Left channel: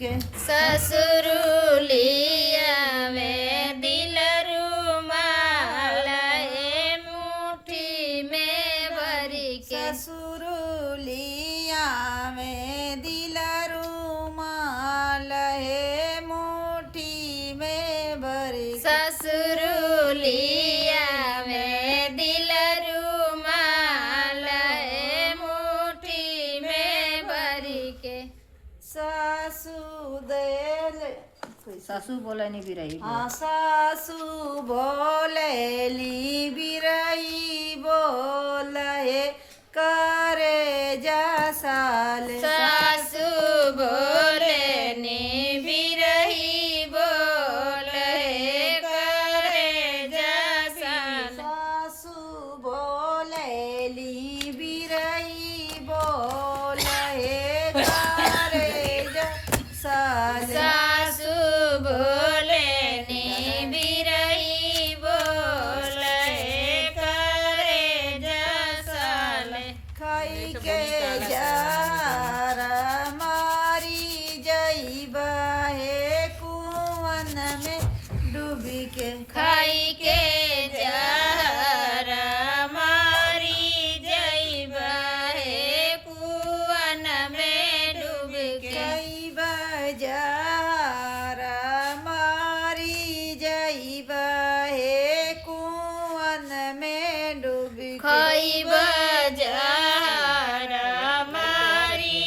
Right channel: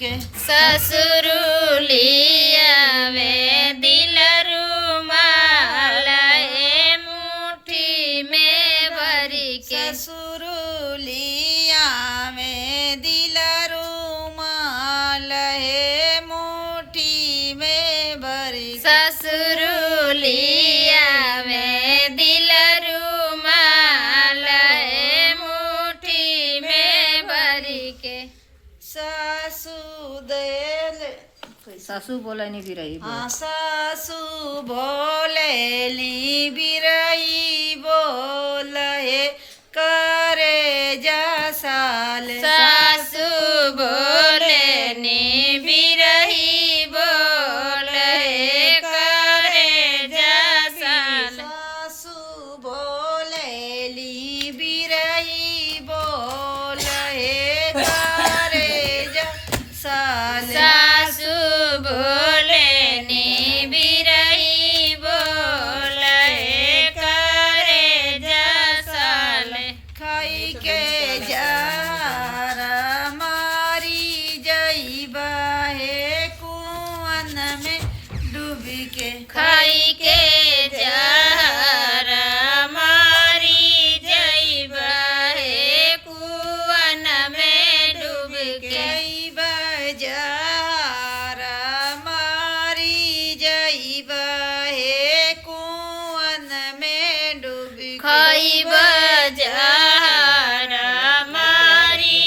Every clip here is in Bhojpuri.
के ससुरुलियावे दिल रुमाल हे मुट्ठी में भरी के ससुरुलियावे दिल रुमाल हे मुट्ठी में भरी ससुरुलियावे दिल रुमाल हे मुट्ठी में भरी के सासू देले सासू बोले नहीं भी रही हाँ सासू भोलेली बिरई बोले करे जा साल सासु बोले ने बिरही बोले करे जा साल सासू भोलेली बिरई बोले करे जा साल सासु बोले ने बिरही बोले करे जा साल खाई के जारा मारी जईबा हे कुआन में डूब के खाई के जहरा मारी जइबा हे कुआन में डूब के कई बजारा मारी जईबा हे कुआन में डूब के खाइबा जहरा मारी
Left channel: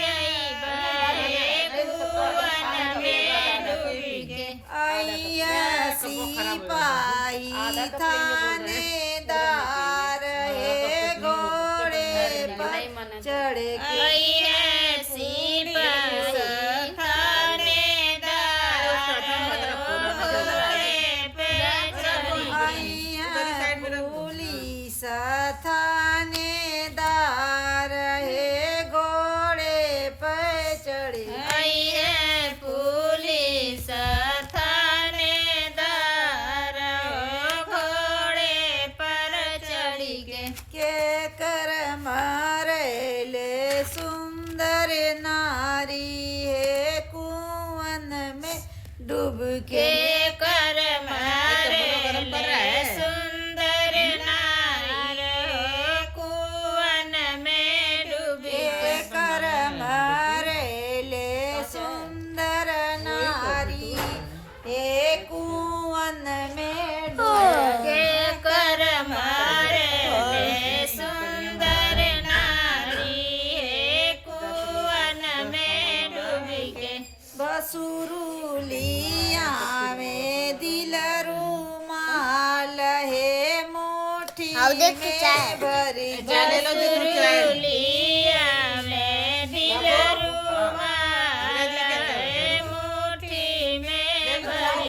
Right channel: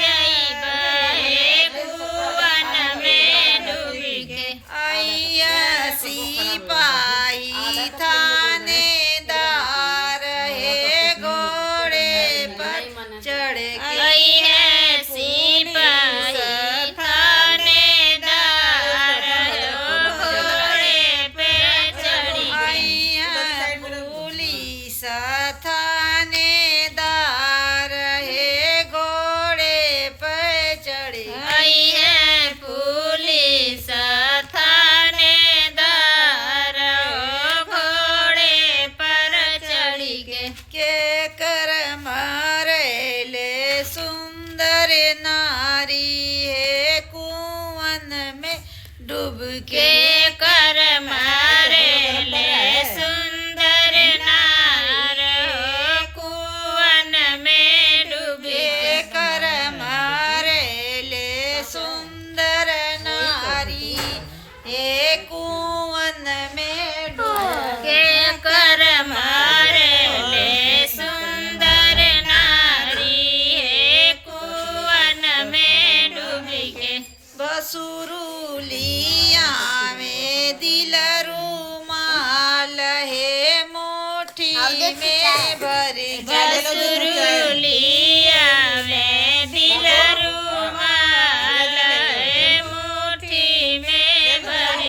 जइबा हे कुआन में डूब के आइया सिपाही थानेदार हे घोड़े पर चढ़ के आई है सिपाही थानेदार घोड़े पे चढ़ी गई आइया पुलिस थानेदार हे घोड़े पर चढ़ आई है पुलिस थानेदार घोड़े पर चढ़ी गए के कर मारेले सुंदर नारी हे कुआन में डूब के के कर मारे ले सुंदर नार हो कुआन में डूब के के कर मारेले सुंदर नारी हे कुआन में डूब के कर मारे ले सुंदर नारी है कुआन में डूब के बसुरुलिया में दिल रुमाल हे मुट्ठी में भर बसुरुली